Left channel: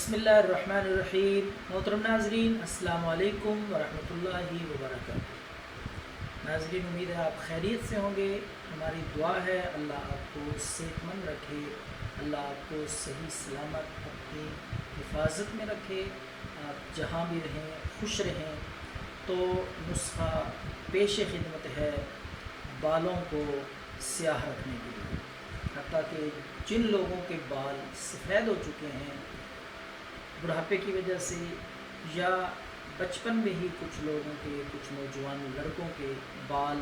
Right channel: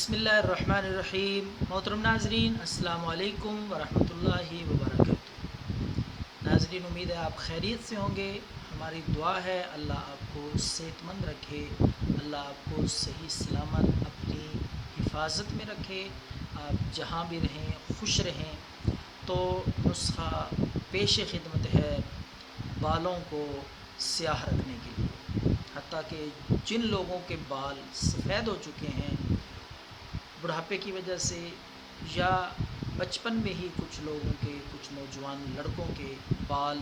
بسم اللہ الرحمن الرحیم۔ محترم ناظرین، السلام علیکم ورحمۃ اللہ وبرکاتہ۔ ناظرین، امید ہے آپ خیریت سے ہوں گے۔ ہماری دعا ہے اللہ آپ کو صحت مند رکھے، اللہ آپ کو صحیح سلامت اپنی حفاظت میں رکھے، آپ جہاں بھی رہیں خوش رہیں۔ تو نسخہ پیش خدمت ہے بالوں کو سیاہ رکھنے کے لیے، حتیٰ کہ جن لوگوں کے بال سفید ہو چکے ہیں بڑھاپے کی وجہ سے، یا بچپن میں ہی کچھ لوگوں کے، کچھ نوجوان لڑکوں کے بال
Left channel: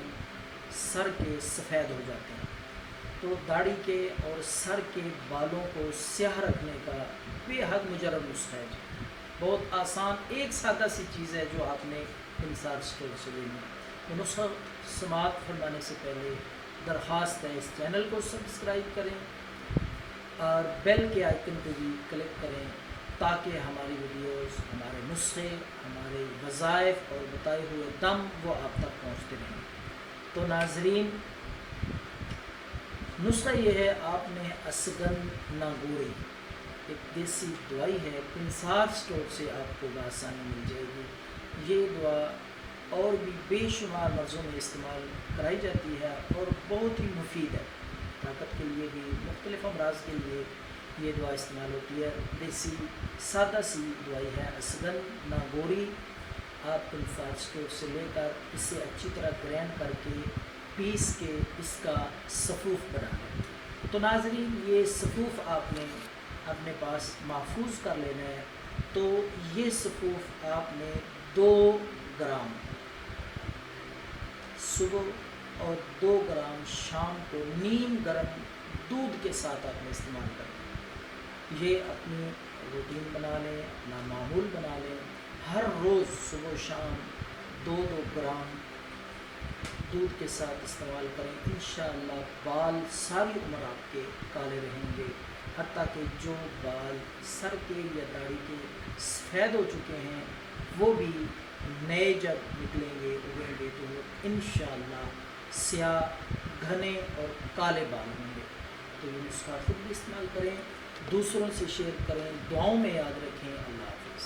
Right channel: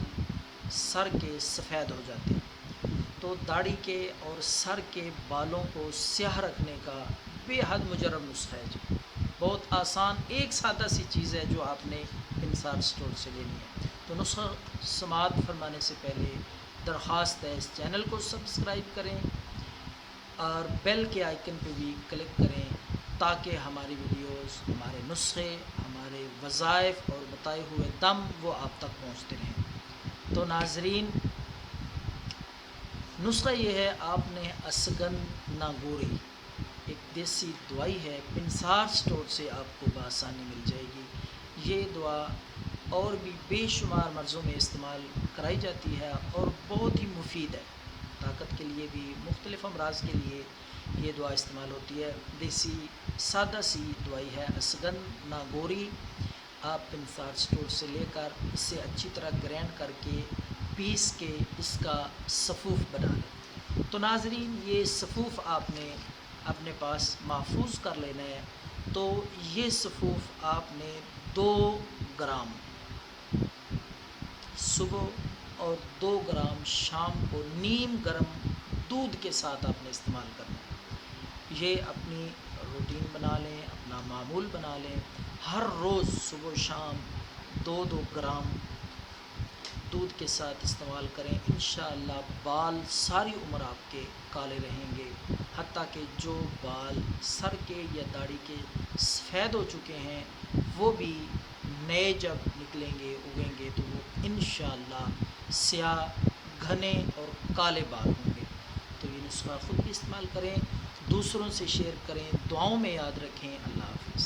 سر کے سفید ہو جاتے ہیں، تو داڑھی کے اور سر کے بالوں کو سیاہ رکھنے کا بے حد مجرب نسخہ ہے جی۔ بہت آسان ایک سادہ سی چیز ہے جو آپ نے انصار اسٹور سے لینی ہے۔ تو نسخہ سماعت فرمانے سے پہلے درخواست ہے، اس چینل کو سبسکرائب کریں اور بیل کے آئیکن پہ بھی کلک کریں تاکہ ہماری ویڈیوز، ہمارے نسخے، ہمارے وظائف اور بتائے ہوئے دم وہ آپ تک پہنچتے رہیں۔ تو ناظرین، نسخہ یہ ہے، آپ نے اسگن ناگوری، ایک دیسی دوائی ہے، پنسار اسٹور سے آپ کو بآسانی مل جائے گی۔ یہ دعا اور بھی بے شمار مرضوں میں استعمال کرائی جاتی ہے اور بہت ہی مفید ہے۔ طاقت کے لیے بھی، مختلف امراض کے لیے یہ دعا استعمال ہوتی ہے۔ دیسی سادہ سی دوائی ہے اسگن ناگوری۔ آپ پنسار اسٹور سے لے کر اسے اچھی طرح گرینڈ کر کے پیس کے اس کا سفوف بنا لیں۔ تو ناظرین، یہ سفوف آپ نے اپنے پاس محفوظ کر لینا ہے۔ تو یہ سفوف آپ نے 2 گرام صبح اور 2 گرام شام کو نیم گرم دودھ کے ساتھ آپ نے استعمال کرنا ہے۔ یہ اپنی روٹین بنا لیں، اپنا معمول بنا لیں، ہر روز صبح و شام 2 گرام دودھ کے ساتھ استعمال کریں۔ انشاءاللہ بال ساری عمر آپ کے کالے رہیں گے، حتیٰ کہ جو بال سر کے یا داڑھی کے سفید ہو چکے ہیں وہ بھی نئے جب نکلیں گے، اگیں گے، تو وہ انشاءاللہ سیاہ، گھنے اور کالے بال ہوں گے۔ تو یہ نسخہ خود بھی استعمال کریں، دوسروں سے شیئر کریں، دعاؤں میں یاد رکھیں۔ اللہ حافظ۔